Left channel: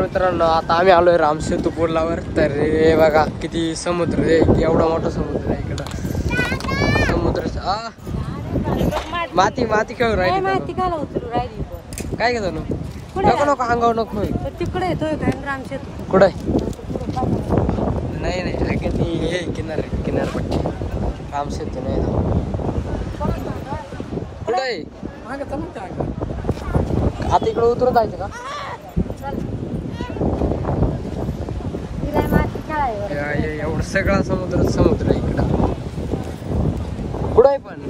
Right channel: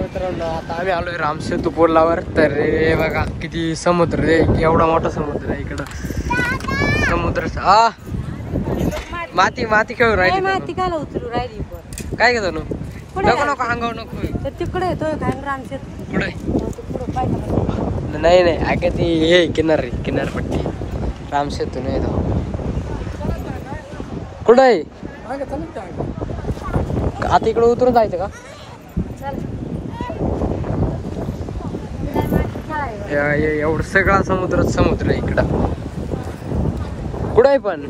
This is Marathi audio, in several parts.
मित्रांनो आता आम्ही आलोय रामसेतू पुलावर। तर हे बघा किती समुद्र आहे, एवढा मोठा समुद्र आहे इकडं। समुद्र माती माती खेळून राहिली काय घेतो नको नको अंगावर नको तिकडे कुठे नाही नाही अगे ती हे किनारपट्टी रामसेतू नाही कुठं आहे आता इकडे उतरून जायचं का? एवढं सगळा समुद्र आहे इकडं कुठं पण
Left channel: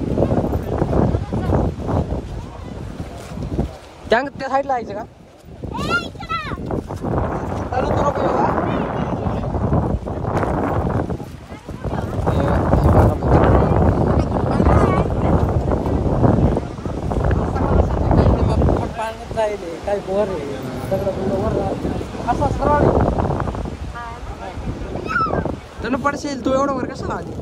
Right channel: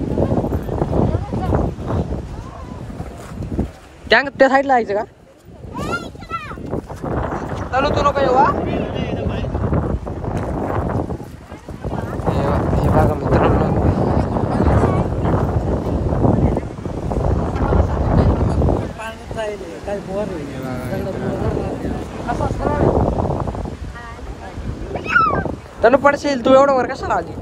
त्या साईडला जायचं का? चालू तू नको येवा तनु पडशील तू एवढं वर कशाला आली?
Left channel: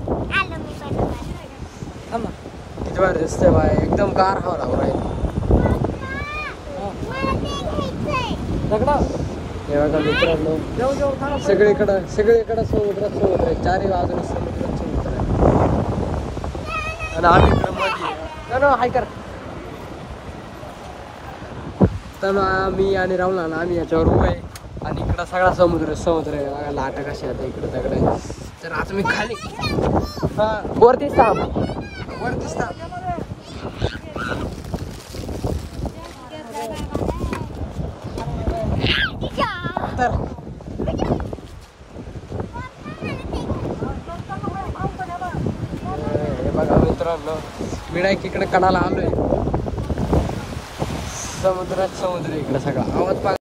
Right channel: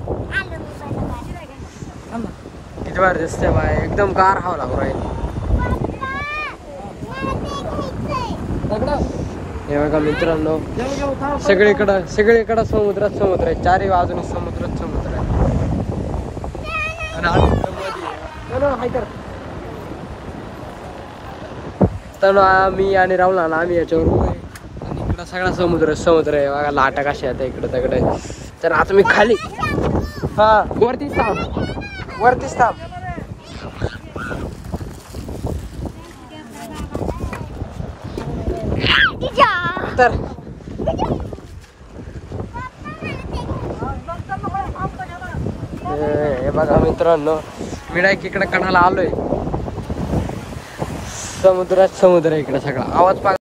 किती बार दिसते बाय एकदम गार हवा लागू राहील। बघा मित्रांनो सगळीकडं समुद्र आहे, चारही बाजूने समुद्र आहे आणि आम्ही मध्ये हाय कर तनु आम्ही आणि राहुल आम्ही याच्यावर उभे आणि इकडं सगळा समुद्र आहे बघा, लाटा कशा आहेत इकडे सगळे। तर आता मी खाली हा वरतीच थांब तर हे बघा मित्रांनो मी डायरेक्ट इकडे कणाला आलोय, समुद्र इकडे सगळा आवाज